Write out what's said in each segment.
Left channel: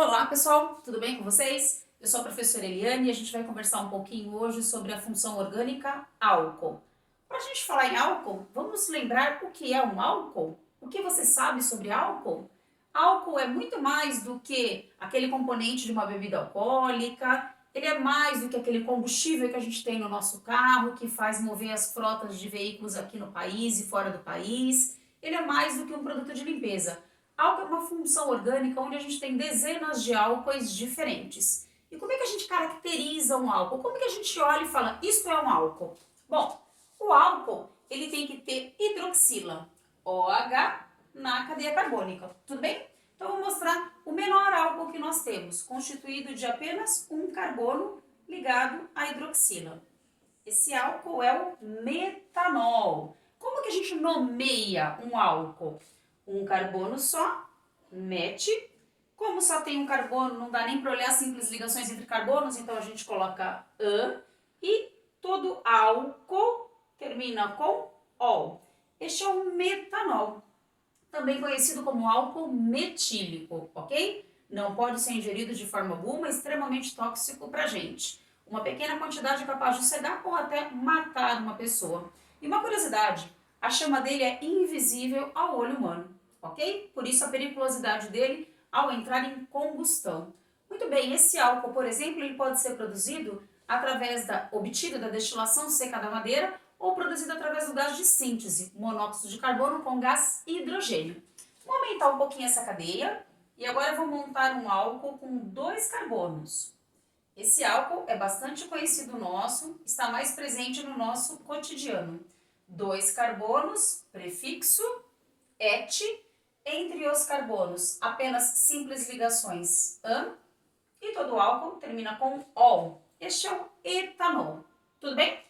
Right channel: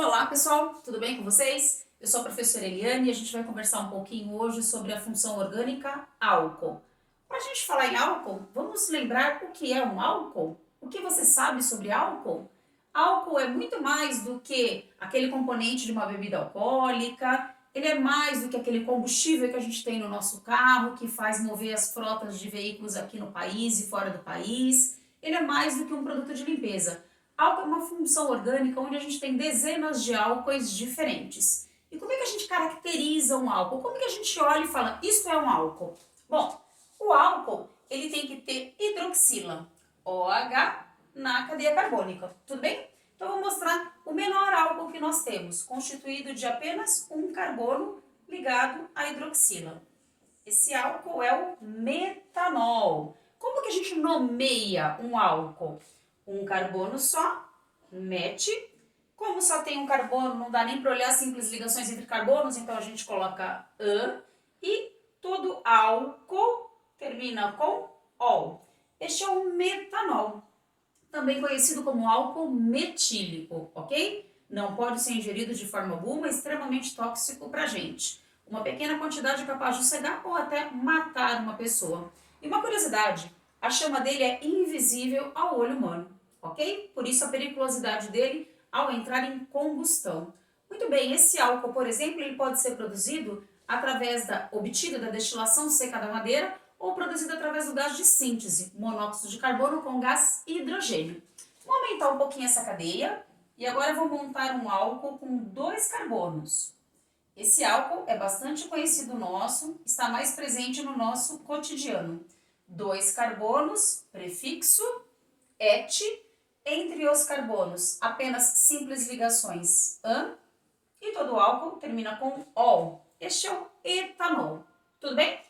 Olá pessoal, tudo bem com vocês? Eu sou a professora Eliane e a gente vai conversar um pouquinho hoje sobre a função orgânica álcool. Para a gente falar em álcool, vamos lembrar o que é um álcool? O que você sabe sobre álcool? Álcool é muito mais do que aquele componente de uma bebida alcoólica, ele é mais do que aquele combustível que a gente tem no nosso carro, que faz mover as frotas de veículos aqui no país e fora do país. Ele é mais do que um produto de limpeza. Álcool é uma função orgânica onde a gente tem dezenas de álcoois diferentes. E como é que a gente caracteriza um álcool? Como é que a gente olha e fala, isso é um álcool? Bom, o álcool, ele tem que ter hidroxila, OH, na cadeia carbônica, tudo bem? Então, eu vou mostrar o menor álcool que nós temos, constituído de apenas um carbono ligado à hidroxila. Esse álcool é o metanol. Como que a gente nomeia um álcool? Um carbono só, mete. Como só tem um carbono, não dá nem para olhar simples ligações entre carbonos, então a gente coloca an. E todo álcool termina com ol. Este é o metanol, também conhecido como álcool metílico, ok? Não pode ser ingerido de forma alguma, é extremamente tóxico para a gente. Uma pequena quantidade é capaz de cegar ou até matar uma pessoa. E uma curiosidade, a chama dele é invisível ao olho humano, ok? Por isso a periculosidade dele ao entrar em combustão. Muito bem, esse álcool, por exemplo, ele pode ser produzido através obtido da destilação seca da madeira ou produzido através do gás de síntese, monóxido de carbono com gás hidrogênio. Vou aumentar um pouquinho essa cadeia e agora eu vou montar um álcool com 2 carbonos. Esse álcool é bastante conhecido nosso, está mais presente no nosso cotidiano. 2 carbonos, prefixo et, entre os carbonos apenas simples ligações an, e todo álcool termina com ol. Este é o etanol. Tudo bem?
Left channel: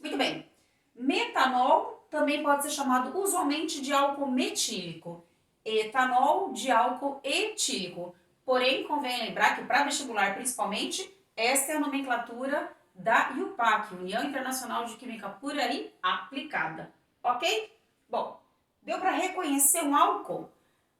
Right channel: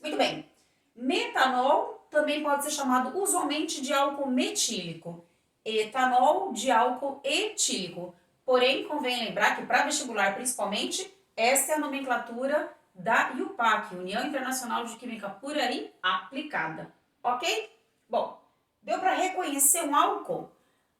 Muito bem. Metanol também pode ser chamado usualmente de álcool metílico. Etanol de álcool etílico. Porém, convém lembrar que para vestibular principalmente, esta é a nomenclatura da IUPAC, União Internacional de Química Pura e Aplicada. Ok? Bom, deu para reconhecer um álcool?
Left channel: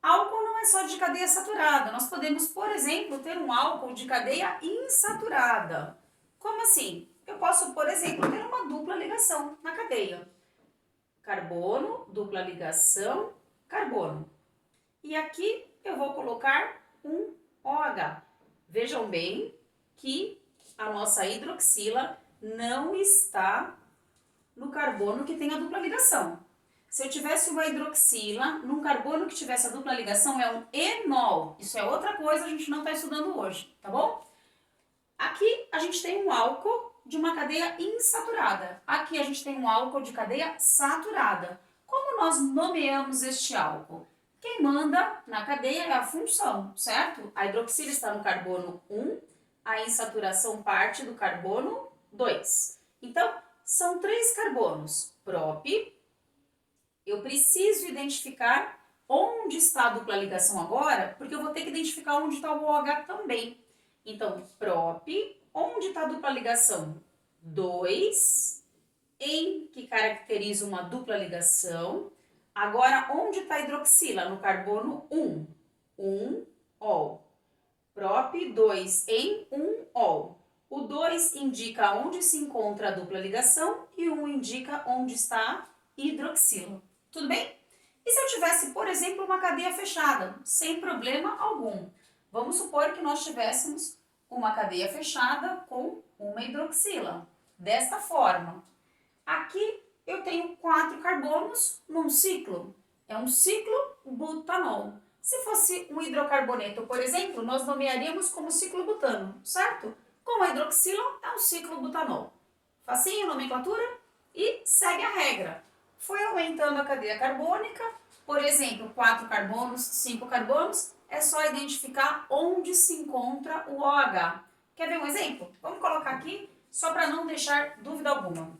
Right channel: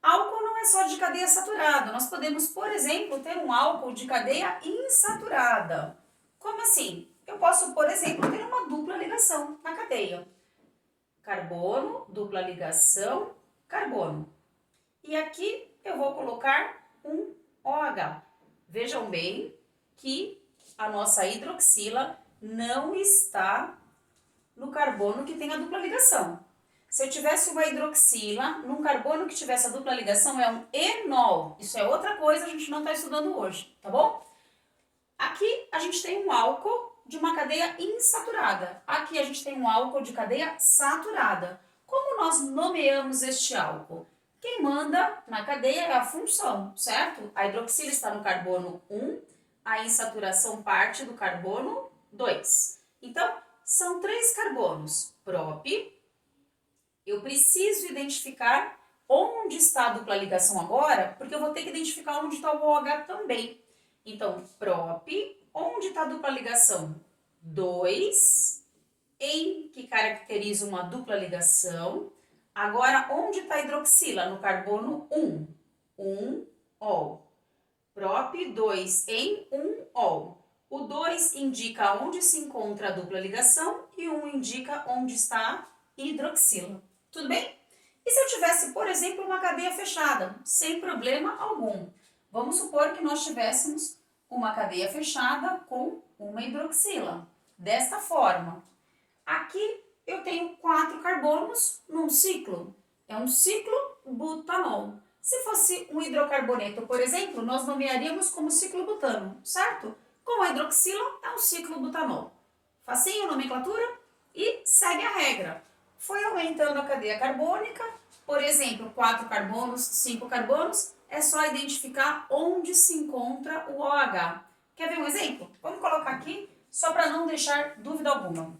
Álcool não é só de cadeia saturada. Nós podemos, por exemplo, ter um álcool de cadeia insaturada. Como assim? Eu posso, por exemplo, ter uma dupla ligação na cadeia. Carbono, dupla ligação, carbono. E aqui eu vou colocar um OH. Vejam bem que a nossa hidroxila não está no carbono que tem a dupla ligação. Se eu tivesse uma hidroxila num carbono que tivesse a dupla ligação, é um enol. Isso é outra coisa, a gente não está estudando hoje, tá bom? Aqui a gente tem um álcool de uma cadeia insaturada. Aqui a gente tem um álcool de cadeia saturada. Como nós nomeamos este álcool? Quem manda na cadeia é a função, certo? A hidroxila está no carbono 1, a insaturação parte do carbono 2. Então, são 3 carbonos, prop. Eu preciso identificar onde está a dupla ligação agora, porque eu vou ter que identificar onde está o OH também. Então, prop, onde está a dupla ligação? 2, em que caracteriza uma dupla ligação. Agora, onde está a hidroxila? No carbono 1, 1 ol. Prop 2 em 1 ol. O 2 indica onde se encontra a dupla ligação e o 1 indica onde está a hidroxila. Tudo bem? E se eu tivesse, por exemplo, uma cadeia fechada, sem problema algum? Vamos supor que nós tivéssemos uma cadeia fechada com uma hidroxila. Desta forma, aqui eu tenho 4 carbonos num ciclo. É um ciclo butanol. Se fosse um hidrocarboneto, por exemplo, nós nomearíamos como ciclo butano, certo? Com a hidroxila é um ciclo butanol. Facinho, nomenclatura? E segue a regra. Foi aumentando a cadeia carbônica, por exemplo, 4 carbonos, 5 carbonos, é só identificar onde se encontra o OH. Quer ver um exemplo? Vamos colocar aqui, só para não deixar dúvida alguma.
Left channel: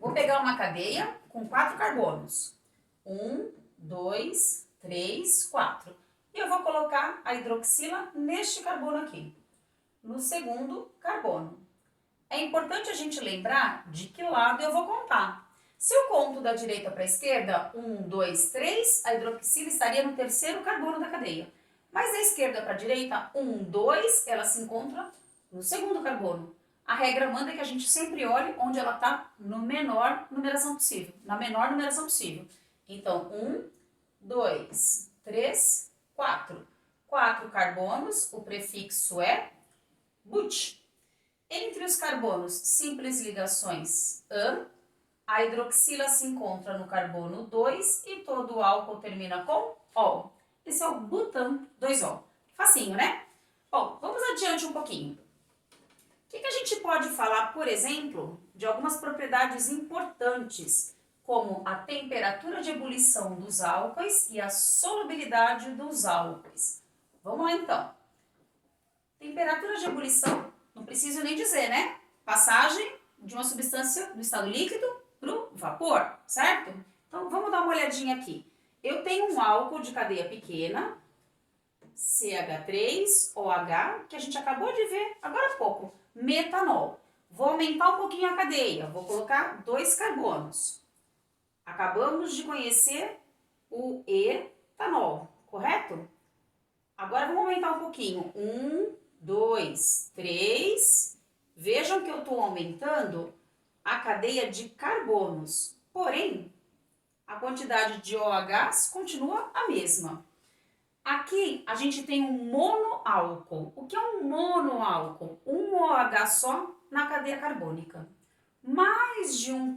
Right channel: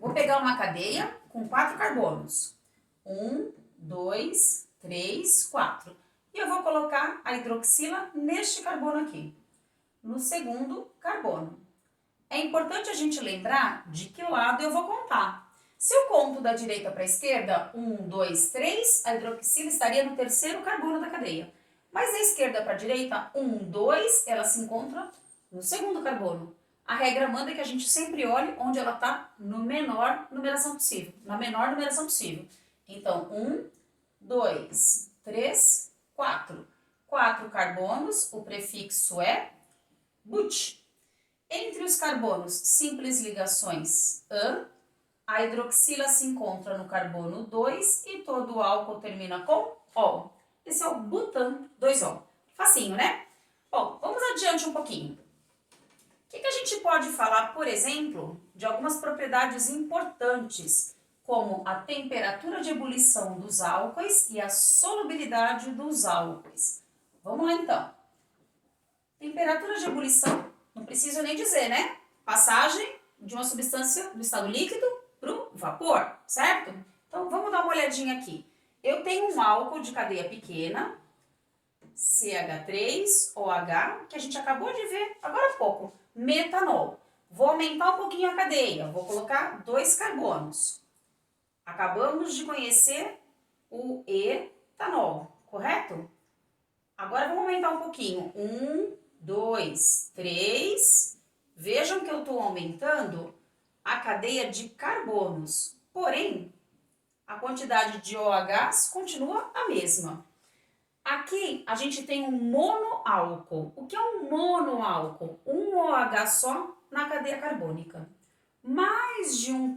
Vou pegar uma cadeia com 4 carbonos. 1, 2, 3, 4. E eu vou colocar a hidroxila neste carbono aqui, no segundo carbono. É importante a gente lembrar de que lado eu vou contar. Se eu conto da direita para a esquerda, 1, 2, 3, a hidroxila estaria no terceiro carbono da cadeia. Mas da esquerda para a direita, 1, 2, ela se encontra no segundo carbono. A regra manda que a gente sempre olhe onde ela está no menor numeração possível, na menor numeração possível. Então, 1, 2, 3, 4. 4 carbonos, o prefixo é but. Entre os carbonos, simples ligações an, a hidroxila se encontra no carbono 2 e todo o álcool termina com ol. Esse é o butan 2ol. Facinho, né? Bom, vamos adiante um pouquinho. O que a gente pode falar, por exemplo, de algumas propriedades importantes, como a temperatura de ebulição dos álcoois e a solubilidade dos álcoois? Vamos lá, então. Temperatura de ebulição, não preciso nem dizer, né? Passagem de uma substância do estado líquido para o vapor, certo? Então, vamos dar uma olhadinha aqui. Eu tenho um álcool de cadeia pequena, CH3OH, que a gente acabou de ver agora há pouco, metanol. Vou aumentar um pouquinho a cadeia, vou colocar 2 carbonos. Acabamos de conhecer o etanol, correto? Agora vamos aumentar um pouquinho. 1, 2, 3. Vejam que eu estou aumentando a cadeia de carbonos. Porém, a quantidade de OHs continua a mesma. Aqui a gente tem um monoálcool. O que é um monoálcool? Um OH só na cadeia carbônica. Mais de um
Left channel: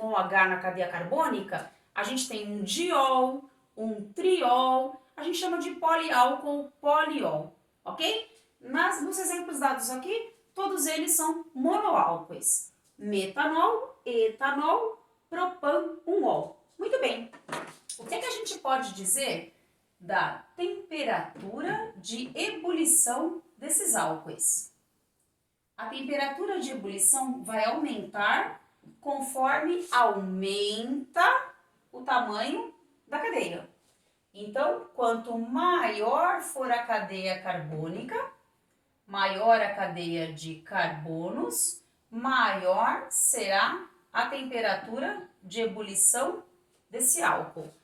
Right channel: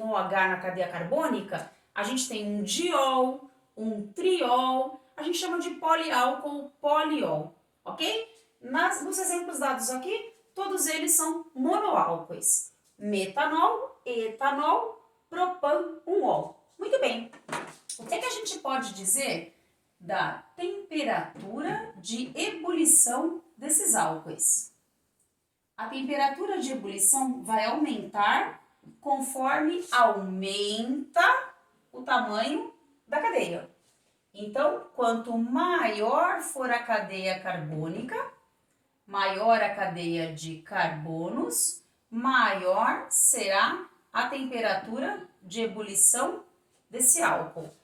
OH na cadeia carbônica, a gente tem um diol, um triol, a gente chama de poliálcool, poliol, ok? Nos exemplos dados aqui, todos eles são monoálcoois. Metanol, etanol, propan-1ol. Muito bem. O que a gente pode dizer da temperatura de ebulição desses álcoois? A temperatura de ebulição vai aumentar conforme aumenta o tamanho da cadeia. Então, quanto maior for a cadeia carbônica, maior a cadeia de carbonos, maior será a temperatura de ebulição desse álcool.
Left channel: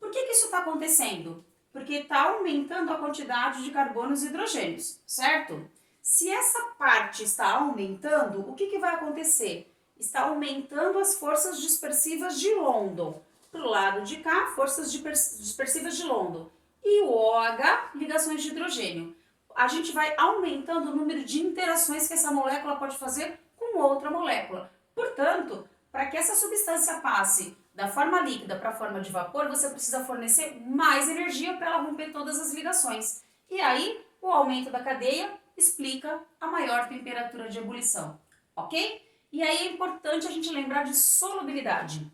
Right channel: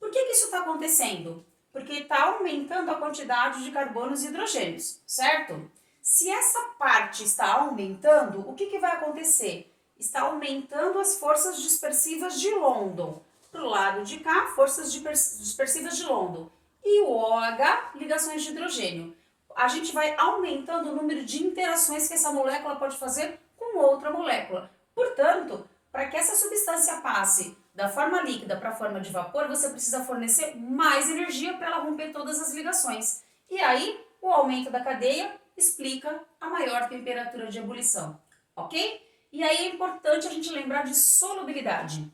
Por que isso está acontecendo? Porque está aumentando a quantidade de carbonos e hidrogênios, certo? Se essa parte está aumentando, o que vai acontecer? Está aumentando as forças dispersivas de London. Para o lado de cá, forças dispersivas de London. E o OH, ligações de hidrogênio. A gente vai aumentando o número de interações que essa molécula pode fazer com outra molécula. Portanto, para que essa substância passe da forma líquida para a forma de vapor, você precisa fornecer mais energia para ela romper todas as ligações. E aí, o aumento da cadeia explica a maior temperatura de ebulição, ok? E aí é importante a gente lembrar de solubilidade.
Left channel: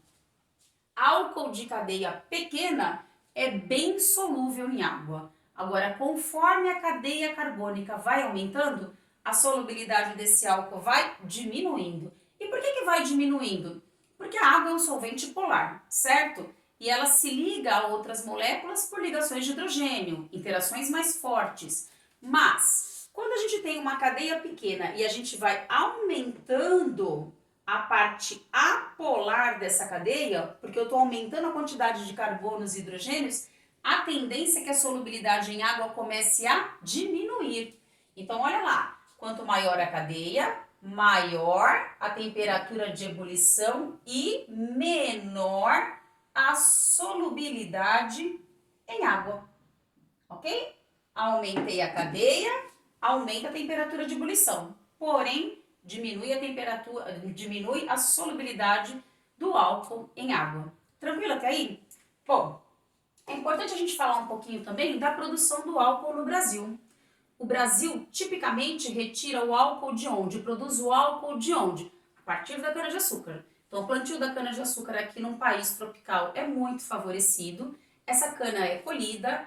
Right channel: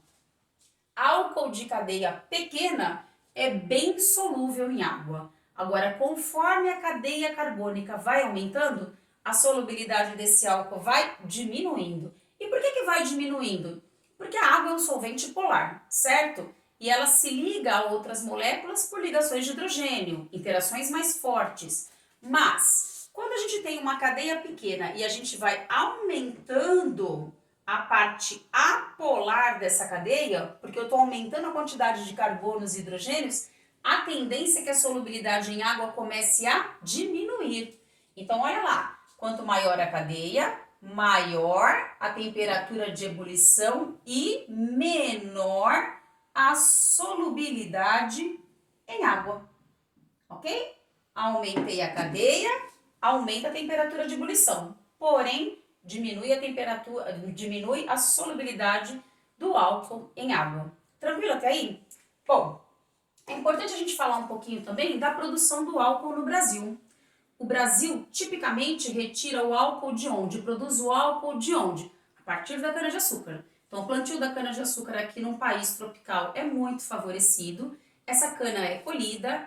Álcool de cadeia pequena é bem solúvel em água. Agora, conforme a cadeia carbônica vai aumentando, a solubilidade desse álcool vai diminuindo. E por que vai diminuindo? Porque a água é um solvente polar, certo? E ela se liga a outras moléculas por ligações de hidrogênio, interações mais fortes. Mas, quando a gente tem uma cadeia pequena e a gente vai aumentando a parte apolar dessa cadeia, porque eu estou aumentando a quantidade de carbonos e hidrogênios, a tendência é que a solubilidade em água comece a diminuir. Então, olha lá, quanto maior a cadeia, maior a temperatura de ebulição e menor a solubilidade em água, ok? Aumentei a cadeia, aumenta a temperatura de ebulição, porém, diminui a solubilidade do álcool em água. Tranquilo até aí? Bom, é importante a gente falar um pouquinho também da produção do álcool no Brasil. O Brasil tipicamente retira o álcool de onde? Produz o álcool de onde? A partir da cana-de-açúcar. Então, o plantio da cana-de-açúcar aqui num país tropical é muito favorecido. Essa cana é colhida,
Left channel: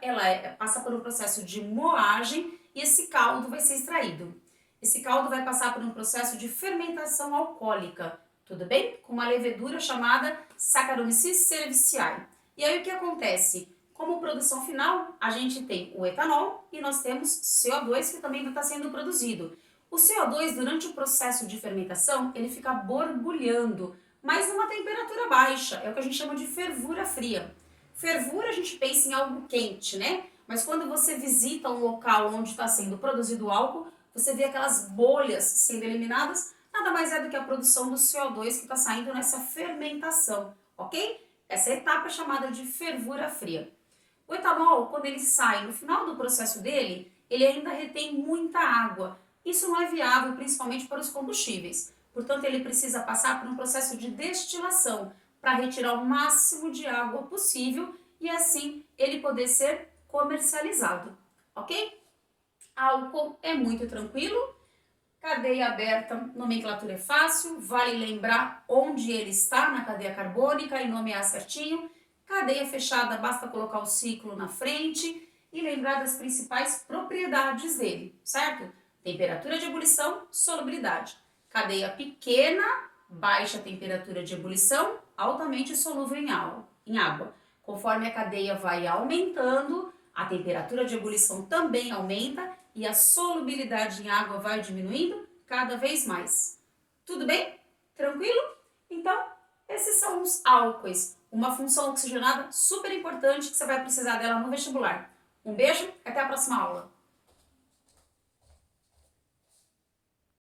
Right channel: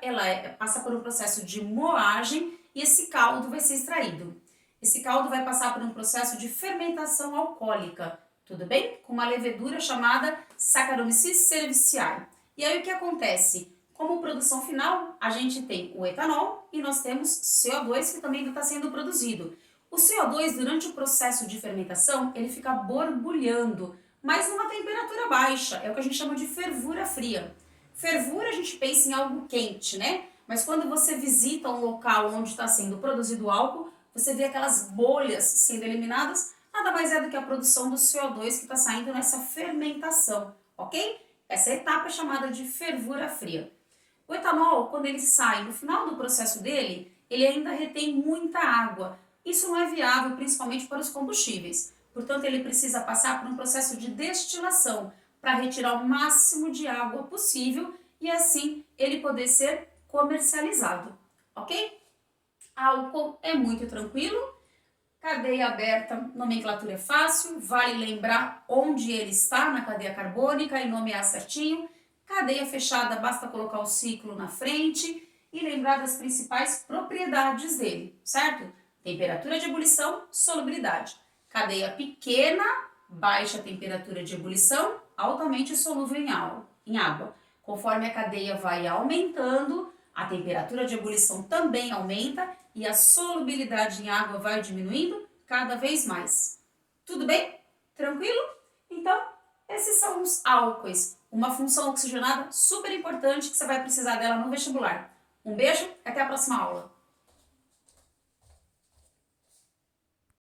passa por um processo de moagem e esse caldo vai ser extraído. Esse caldo vai passar por um processo de fermentação alcoólica, tudo bem? Com uma levedura chamada Saccharomyces cerevisiae. E aí o que acontece? Como produção final, a gente tem o etanol e nós temos CO2 que também está sendo produzido. O CO2, durante o processo de fermentação, ele fica borbulhando, mas numa temperatura baixa, é o que a gente chama de fervura fria. Fervura, a gente pensa em algo quente, né? mas quando você visita um local onde está sendo produzido álcool, você vê aquelas bolhas sendo eliminadas, nada mais é do que a produção do CO2 que está saindo nessa fermentação, ok? Essa etapa é chamada de fervura fria. O etanol, quando ele sai no final do processo dele, ele ainda retém muita água. Isso não é viável, principalmente para os combustíveis. Portanto, ele precisa passar por um processo de destilação para retirar o máximo de água possível e assim ele poder ser comercializado, ok? Álcool é muito tranquilo, cadeia aberta, nomenclatura é fácil, vale lembrar onde ele está na cadeia carbônica e nomear certinho. Cadeia fechada, basta colocar o ciclo na frente e lembrar das principais propriedades dele, certo? Temperatura de ebulição, solubilidade. Cadeia pequena, baixa temperatura de ebulição, altamente solúvel em água. Conforme a cadeia vai aumentando, a temperatura de ebulição também aumenta e a solubilidade em água vai diminuindo cada vez mais. Tudo bem? Tranquilo? Então, esses são os álcoois, uma função oxigenada super importante que você vai precisar dela no vestibular. Um beijo, até a próxima aula!